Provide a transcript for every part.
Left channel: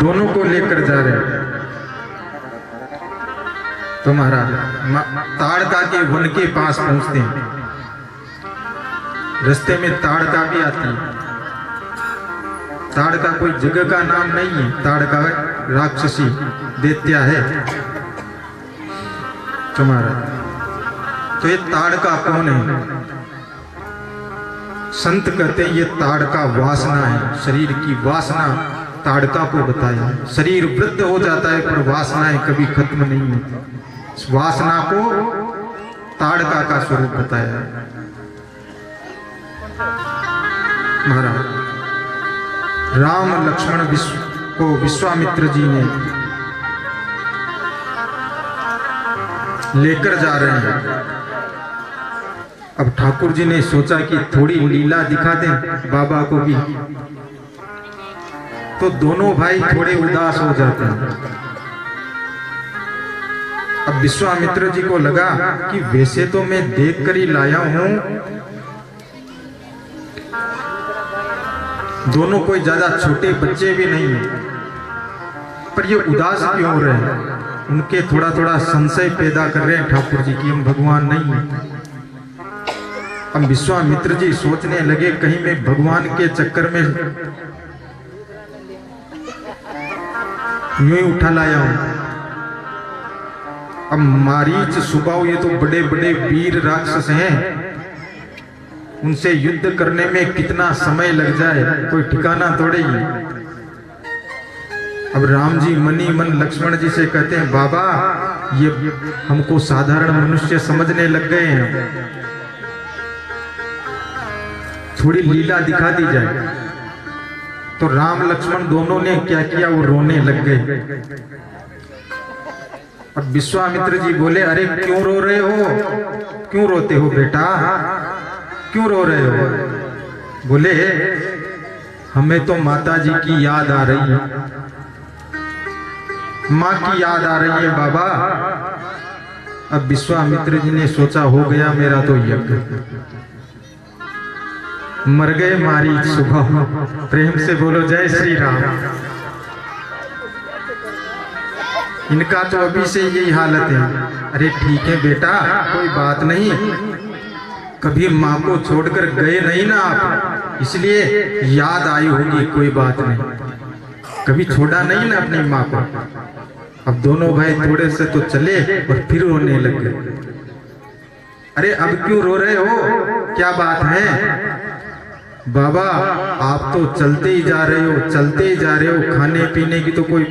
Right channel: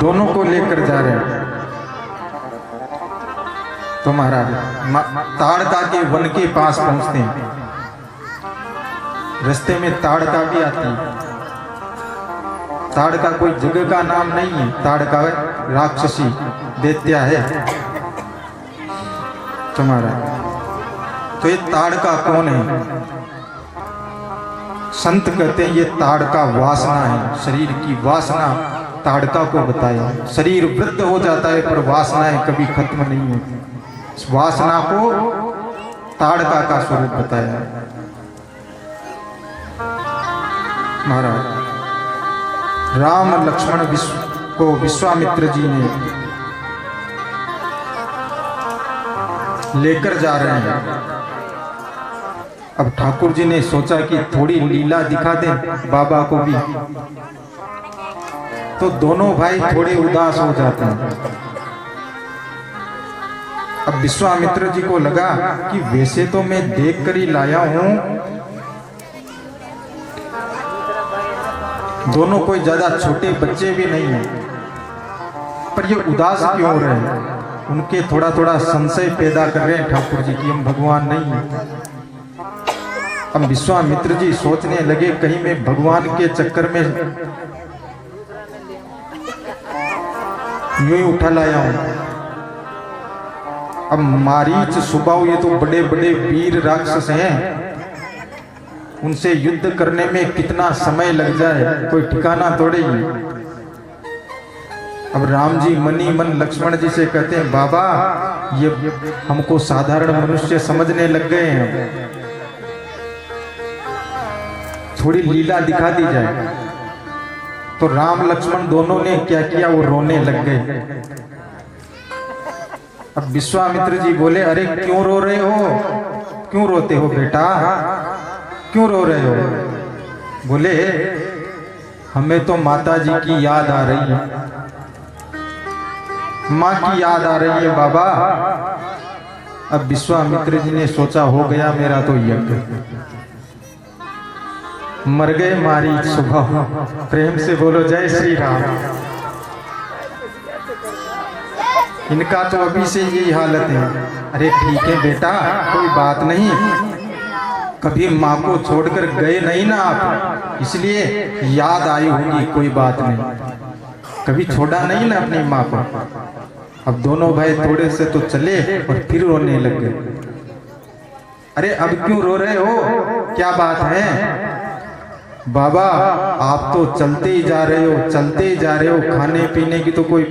दोनों को लेकर जा रहे हैं। तो महाराज ताड़का के वन के पास पहुंचते हैं। रास्ते में ताड़का भी आती है। ताड़का कोई जगह का नाम नहीं है, ताड़का राक्षसी दैत्या है। तो महाराज तो ये ताड़का कौन है? संत कहते हैं ये ताड़का वासना है, शरीर की वासना ताड़का को बताया। शरीर वृद्ध हो जाता है पर वासनाएं कभी खत्म नहीं होती। वासना को ताड़का का स्वरूप बताया। महाराज राम लक्ष्मण को विश्वामित्र जी ने लेकर जा रहे हैं। अब ठाकुर जी ने सोचा कि थोड़ी लीला दिखा दें बाबा को भी। तो दोनों भाई थोड़े उदास हो जाते हैं। अब विश्वामित्र जी को लगा कि वैसे तो मैं देख कर ही लाया हूं, दोनों कोई ज्यादा छोटे बच्चे भी नहीं हैं, पर ये उदास क्यों हो रहे हैं? उनके थोड़ा थोड़ा संशय पैदा कर रहे हैं ठाकुर जी की हम भगवान नहीं है। अब विश्वामित्र जी सोचने लगे कहीं मैं भगवान के चक्कर में यूं ही उठा लाया हूं। अब मारीच सुबाहु ये तो बड़े बड़े वीर राक्षस हैं, उनसे युद्ध करने में कितना समय लग जाए कोई ठिकाना थोड़े ही। अब राम जी मनी मन लक्ष्मण जी से कहते हैं बाबा ये हमको साधारण मनुष्य समझने लग गए हैं, थोड़ी लीला दिखा दी जाए। तो राम लक्ष्मण दोनों ने क्या किया, वो रोने लग गए। अब विश्वामित्र जी बोले अरे क्यों रो रहे हो, क्यों रोते हो बेटा, क्यों रो रहे हो? बोले हमें तो माता जी की याद आ रही है, माँ की याद आ रही है बाबा। अब विश्वामित्र जी ने सोचा हो गया मेरा तो यज्ञ, मर गए मारी सुबह। प्रेम से बोलो जय श्री राम। इनका तो अभी से यही हालत है। अरे ठीक है बेटा कोई बात नहीं, कभी माँ को छोड़कर गए नहीं ना आप, इसलिए याद आई होगी, कोई बात नहीं, कभी छोड़ा नहीं ना अपनी माँ को। अब दोनों भाई थोड़े से तो चले और फिर रोने लग गए। अरे अब क्यों रो रहे हो, क्या बात है? बाबा आप तो चलते ही जा रहे हो, चलते ही जा रहे हो, खाने पीने की तो कोई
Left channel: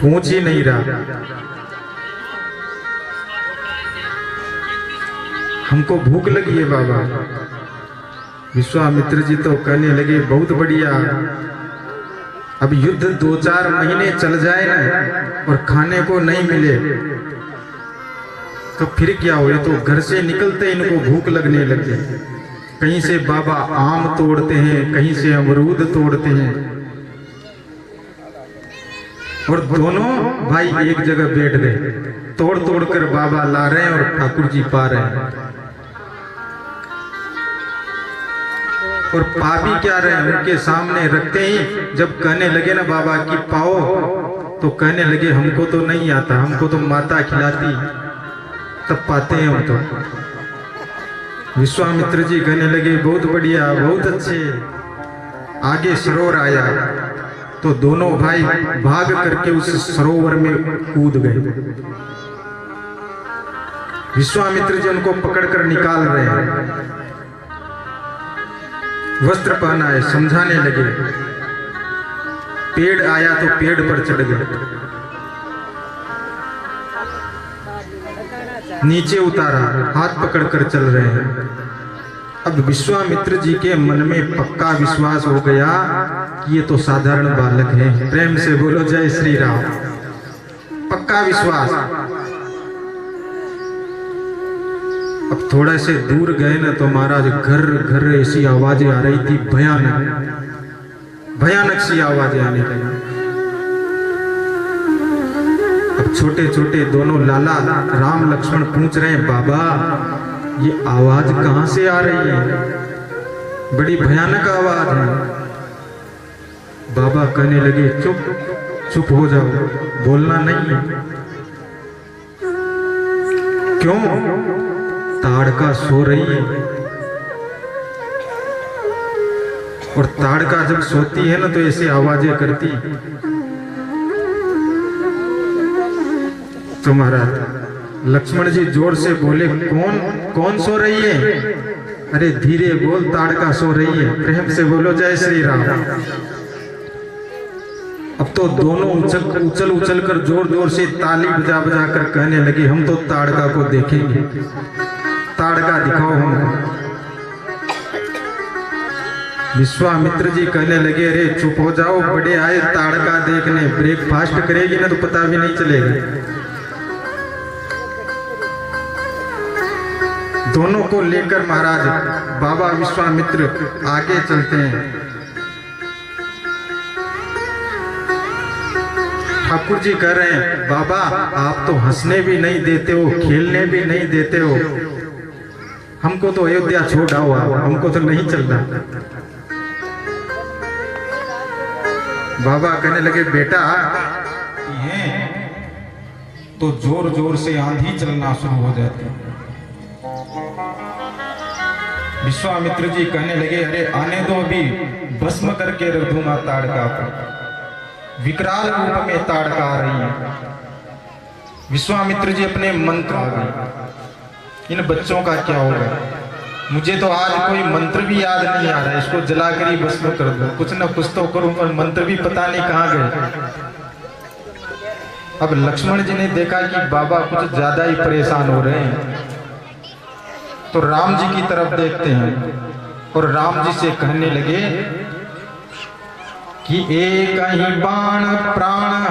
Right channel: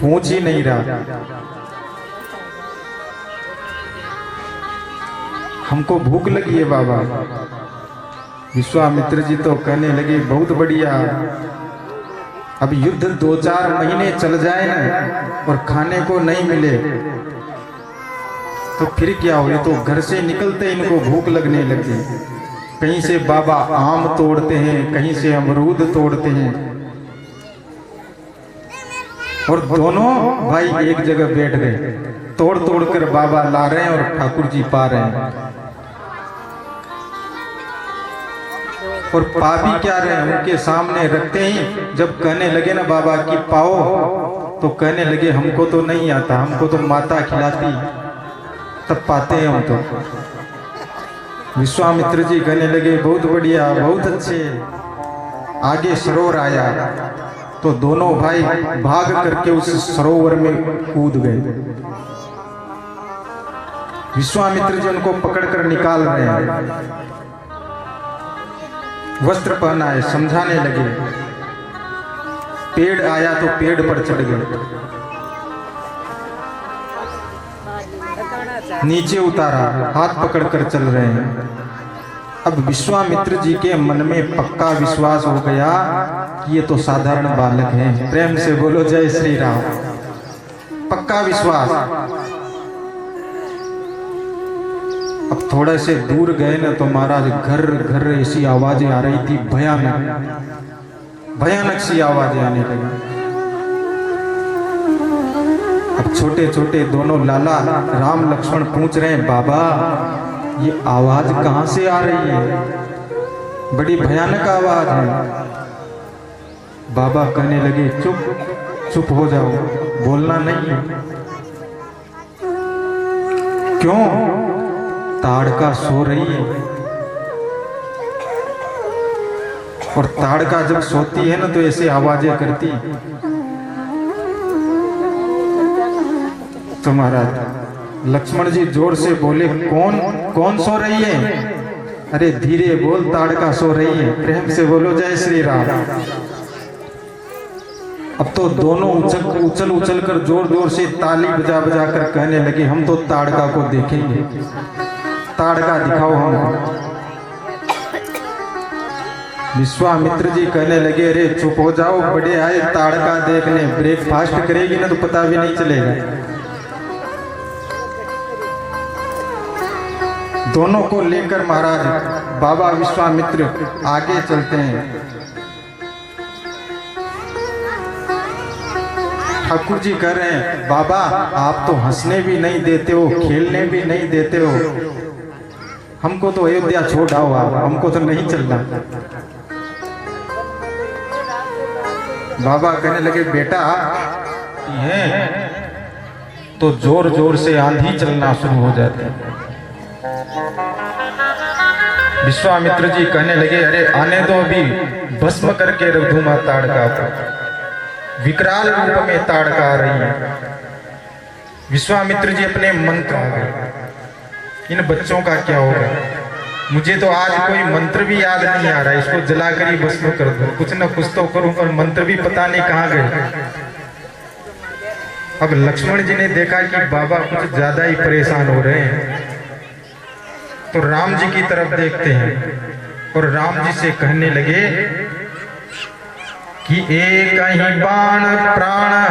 पूछ ही नहीं रहा। हमको भूख लगी है बाबा। विश्वामित्र जी तो कहने लगे बहुत बढ़िया, अब युद्ध 2-4 महीने चल जाए ना और खाने को नहीं मिले तो फिर क्या हो, ये तो घर से निकलते इनको भूख लगने लगे। कहीं से बाबा आम तोड़ते हैं, कहीं से अमरूद तोड़ते हैं, और दोनों भाई एक जगह बैठ गए, तोड़ तोड़ कर बाबा ला रहे हैं और ठाकुर जी पा रहे हैं। और पा भी क्या रहे हैं, उनके सामने रखते ही जब कहने लगे ना बाबा कि पाओ, तो कहने लगे हमको तो नहीं आता, हमको तो माता खिलाती, तब पाते हैं हम तो। विश्वामित्र जी कहने लगे बहुत बढ़िया, बहुत अच्छे। आगे सरोवर आया तो दोनों भाई भाग करके उस सरोवर में कूद गए। विश्वामित्र जी उनको पकड़कर निकाल रहे हैं, वस्त्र पहनाए, समझाने लगे। पेड़ आया तो पेड़ पर चढ़ गए, नीचे उतारा, हाथ पकड़कर चल रहे हैं। अब विश्वामित्र जी के मन में पक्का विश्वास हो गया कि ये तो साधारण बालक हैं। प्रेम से बोलो जय श्री राम। पक्का विश्वास। अब थोड़े से दूर गए ना तो महाराज घर घर ऐसी आवाजें आ रही थी, भयानक भयानक सी आवाजें आने लगी। अब छोटे छोटे दोनों लाला राम लक्ष्मण पूछ रहे हैं बाबा ये आवाज कहां से आ रही है, बड़ी भयानक आवाज है। बाबा कहने लगे चुप, चुप हो जाओ, बोलना नहीं। क्यों? ताड़का सो रही है, और ताड़का जब सोती है ना तो ऐसी आवाजें करती। तो महाराज लक्ष्मण जी जोर से बोले, कौन कौन सो रही है? अरे धीरे बोल, ताड़का सो रही है। प्रेम से बोलो जय श्री राम। अब तो दोनों उछल उछल कर जोर जोर से ताली बजा बजा कर कहने लगे, हम तो ताड़का को देखेंगे, ताड़का दिखाओ हमको। विश्वामित्र जी कहने लगे, अरे चुप हो जाओ, बड़े आए ताड़का देखने, ब्रेकफास्ट करेगी ना तो पता भी नहीं चलेगा। दोनों को लेकर महाराज बाबा विश्वामित्र आगे चलते हैं। ठाकुर जी कह रहे हैं, बाबा आप तो हंसने भी नहीं देते हो, खेलने भी नहीं देते हो, हमको तो अयोध्या छोड़ आओ, हमको तो नहीं चलना। बाबा कहने लगे, बेटा ये तो जोर जोर से आंधी चलना शुरू हो जाती है। विश्वामित्र जी कहने लगे, अरे आने दो, अभी भस्म करके रख दूंगा ताड़का को। विकराल रूप में ताड़का आ रही है। विश्वामित्र जी अपने मंत्र आ गए, इन बच्चों का क्या होगा? मुझे तो आज कोई मंत्र भी याद नहीं आ रहा है, इसको जलाकर ही भस्म कर दूं, कुछ न कुछ तो करूं, पर मंत्र भी पता नहीं कहां गए। अब लक्ष्मण जी ने देखा कि बाबा कुछ ज्यादा ही परेशान हो रहे हैं, तो राम जी की तरफ देखते हैं और राम जी से कहने लगे कि एक ही बाण प्राण